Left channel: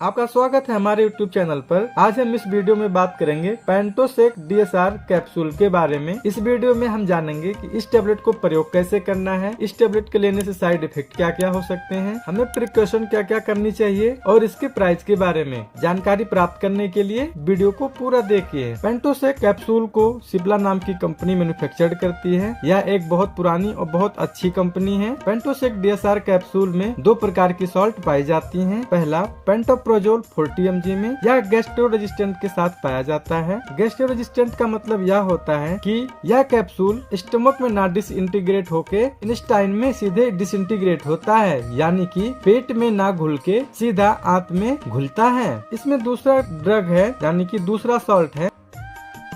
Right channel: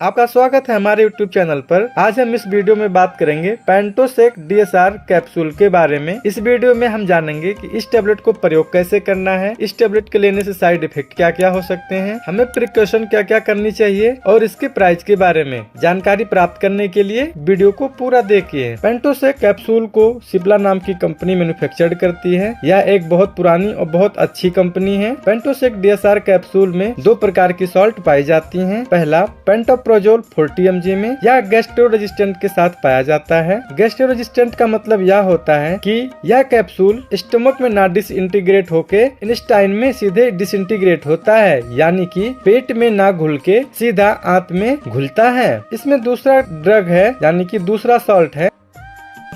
आपका स्वागत है हमारे YouTube चैनल पर। आज हम इस वीडियो में बात करेंगे पेंटोसेक DSR कैप्सूल के बारे में। इस वीडियो में हम जानेंगे कि इस टेबलेट को प्रयोग कैसे करना है, इस टेबलेट के लेने से साइड इफेक्ट क्या क्या हो सकते हैं, हमें प्रिकॉशन क्या क्या करनी चाहिए और इसके प्राइस के बारे में जानकारी प्राप्त करने के लिए वीडियो को पूरा देखिए। पेंटोसेक कैप्सूल को सिप्ला नाम की कंपनी मैन्युफैक्चर करती है। यह एक बहुत पुरानी और बहुत अच्छी कंपनी है। पेंटोसेक DSR कैप्सूल में दो प्रकार की सॉल्ट पाई जाती है। पहला पेंटोप्रोजोल 40 mg में या गैस्ट्रो रेजिस्टेंट के साथ पाया जाता है। गैस्ट्रो रेजिस्टेंट का मतलब यह होता है कि यह कैप्सूल स्टमक में ना डिसइंटीग्रेट होके इंटेस्टाइन में सीधे डिसइंटीग्रेट होता है, यानी कि पेट में ना घुल के सीधा आंत में घुलता है। इसमें दूसरा ड्रग है, यानी कि दूसरा सॉल्ट है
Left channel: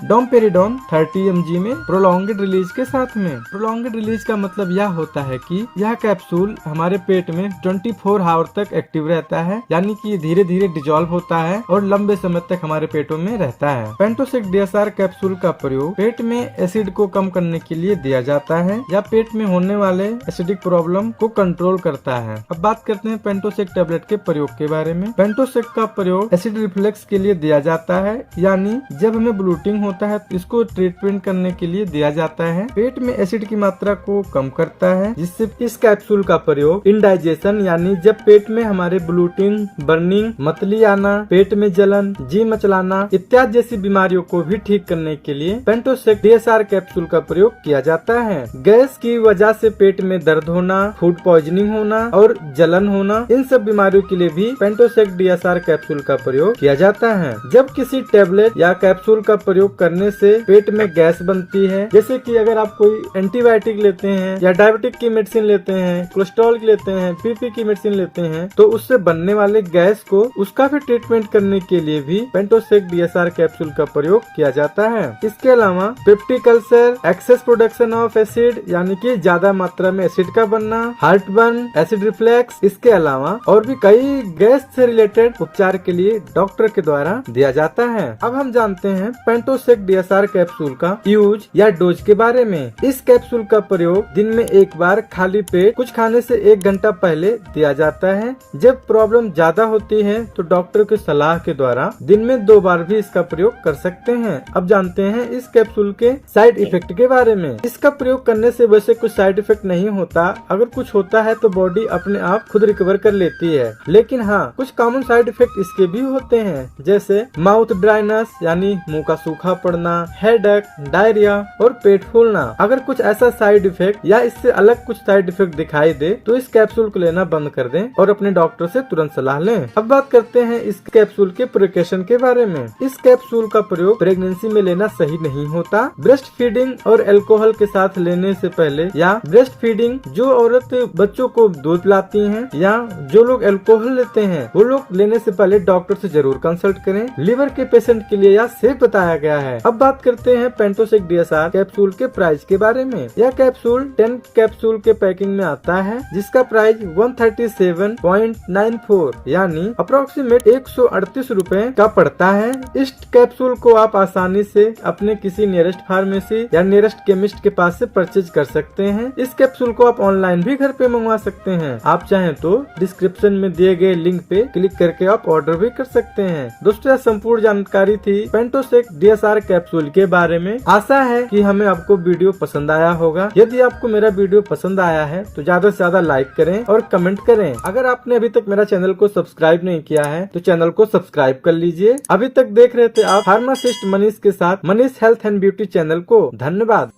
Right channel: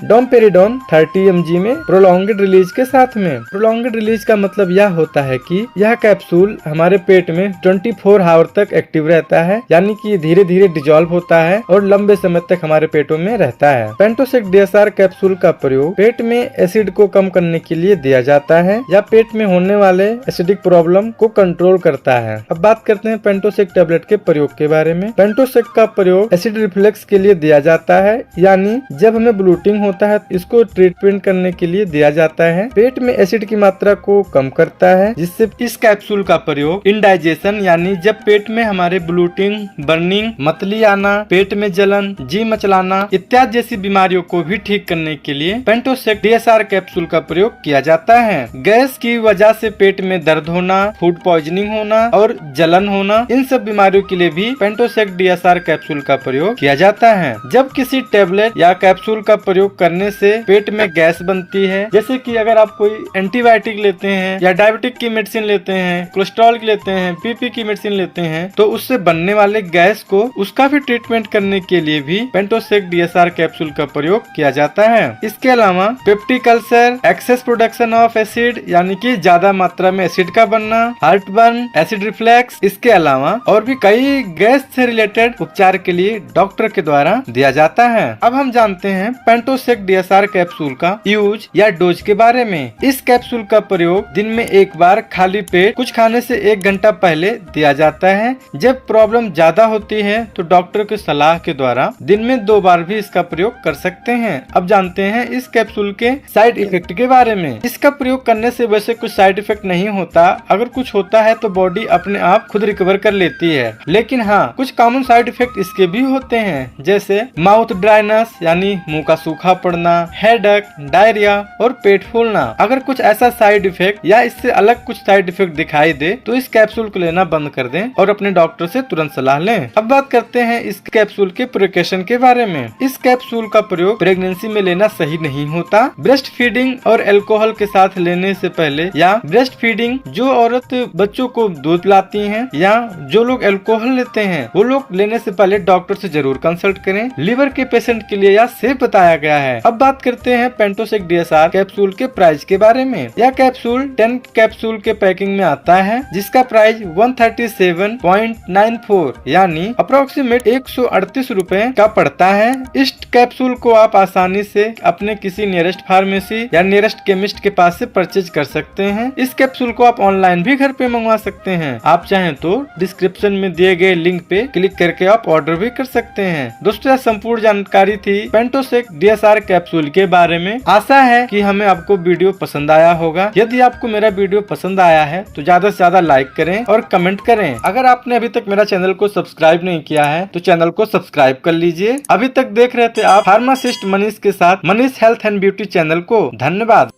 डोमपेरिडोन 30 mg में प्रोलॉन्ग्ड रिलीज के साथ में। प्रोलॉन्ग्ड रिलीज का मतलब यह होता है कि यह कैप्सूल हमारे पेट में 24 आवर तक एक्टिव रहता है, यानी कि धीरे धीरे डिजोल्व होता है और लंबे समय तक हमारे पेटों में रहता है। पेंटोसेक DSR कैप्सूल का प्रयोग पेट में एसिड को कम करने के लिए दिया जाता है या पेट में होने वाले एसिडिक प्रॉब्लम को कंट्रोल करता है। अब बात करते हैं पेंटोसेक टेबलेट के प्रयोग के बारे में। पेंटोसेक का प्रयोग एसिड रिफ्लेक्स के लिए दिया जाता है, यानी जब हमें ब्लोटिंग होता है इसको ट्रीटमेंट करने के लिए दिया जाता है। पेट में एसिड की मात्रा को कम करता है, जिससे इस कैप्सूल का प्रयोग इंडाइजेशन यानी जब पेट में हमारे ब्लोटिंग, बर्निंग, मतली आना, पेट में जलन, जी मचलाना इत्यादि जैसी बीमारियों को भी ठीक करने के लिए पेंटोसेक DSR कैप्सूल का प्रयोग किया जाता है। गैस की वजह से पेट में दर्द होना, फूड पॉइजनिंग होना और जलन होना, इन सब बीमारियों के लिए भी पेंटोसेक DSR कैप्सूल का प्रयोग किया जाता है। जब किसी टेबलेट या कैप्सूल का प्रयोग करने से पेट में गैस बनती है, जैसे कि अगर आप कोई एंटीबायोटिक लेते हैं या डायबिटिक की मेडिसिन लेते हैं, कोलेस्ट्रॉल की लेते हैं, PP की मेडिसिन लेते हैं, तो उससे बनने वाले गैस को उसका भी ट्रीटमेंट करने के लिए भी पेंटोसेक DSR कैप्सूल का प्रयोग किया जाता है। इसके अलावा peptic ulcer, excess production of acid यानी कि ज्यादा मात्रा में एसिड का बनना, हार्ट बर्न, एसिड रिफ्लेक्स, इसके अलावा और भी कई गैस से रिलेटेड उपचार के लिए डॉक्टर के द्वारा दिया जाता है। अब हम जानते हैं पेंटोसेक DSR कैप्सूल का यूज या डोज के बारे में। इस कैप्सूल का प्रयोग दिन में एक बार खाली पेट कुछ खाने से 1 घंटा पहले दिया जाता है। जब प्रॉब्लम ज्यादा होती है तो डॉक्टर की सलाह के द्वारा दिन में 2 बार भी इसका प्रयोग कर सकते हैं। अब जानते हैं इस कैप्सूल के साइड इफेक्ट के बारे में। इसका प्रयोग करने से वैसे कुछ साइड इफेक्ट नहीं होता, अगर कुछ होता है तो बॉडी अपने आप खुद रिकवर कर लेती है। लेकिन हाँ, कुछ कॉमन साइड इफेक्ट इसके भी होते हैं, जैसे माउथ ड्राइनेस यानी मुंह का सूखा पड़ना, हेडेक, डायरिया और पेट फूलना। अगर कुछ ऐसा साइड इफेक्ट या इससे अलग कुछ साइड इफेक्ट दिखाई दे तो इस कैप्सूल को लेना बंद कर दें और अपने डॉक्टर से तुरंत सलाह लें। अब बात करते हैं इस कैप्सूल के प्रिकॉशन के बारे में। इस कैप्सूल का प्रयोग प्रेगनेंसी में लेना सही नहीं होता। ब्रेस्ट फीडिंग और अल्कोहल के साथ लेने से पहले या ब्रेस्ट फीडिंग जो औरत बच्चों को दूध पिलाती हैं या जो लोग अल्कोहल लेते हैं वो लोग लेने से पहले डॉक्टर से जरूर कंसल्ट करें। लीवर के पेशेंट के लिए यह सेफ बताया गया है। अब बात करते हैं पेंटोसेक DSR कैप्सूल के प्राइस के बारे में। यह कैप्सूल 10 कैप्सूल के पैकिंग में आता है, जिसका प्राइस 137.94 यानी अप्रोक्सीमेट 138 रुपए का पड़ता है। इस कैप्सूल को आप आसानी से अपने किसी नियरेस्ट फार्मेसी या नियरेस्ट केमिस्ट के पास से परचेज कर सकते हैं। इस कैप्सूल को आप ऑनलाइन भी घर पे मंगवा सकते हैं। आप चाहें तो डिस्क्रिप्शन में दिए गए लिंक पे क्लिक करके आप ऑर्डर भी कर सकते हैं। दोस्तों, यह संपूर्ण जानकारी थी पेंटोसेक DSR कैप्सूल के बारे में। आशा है कि हमें आपको वीडियो पसंद आया होगा। यदि आपको मेरा वीडियो पसंद आया है तो ज्यादा से ज्यादा लाइक करें और कमेंट करें। अगर आपने अभी तक मेरा चैनल को सब्सक्राइब नहीं किया है तो चैनल को सब्सक्राइब कर लीजिए। अभी तक देख रहे थे आप फार्मासिस्ट मनीष के साथ Manish health and beauty channel को। धन्यवाद।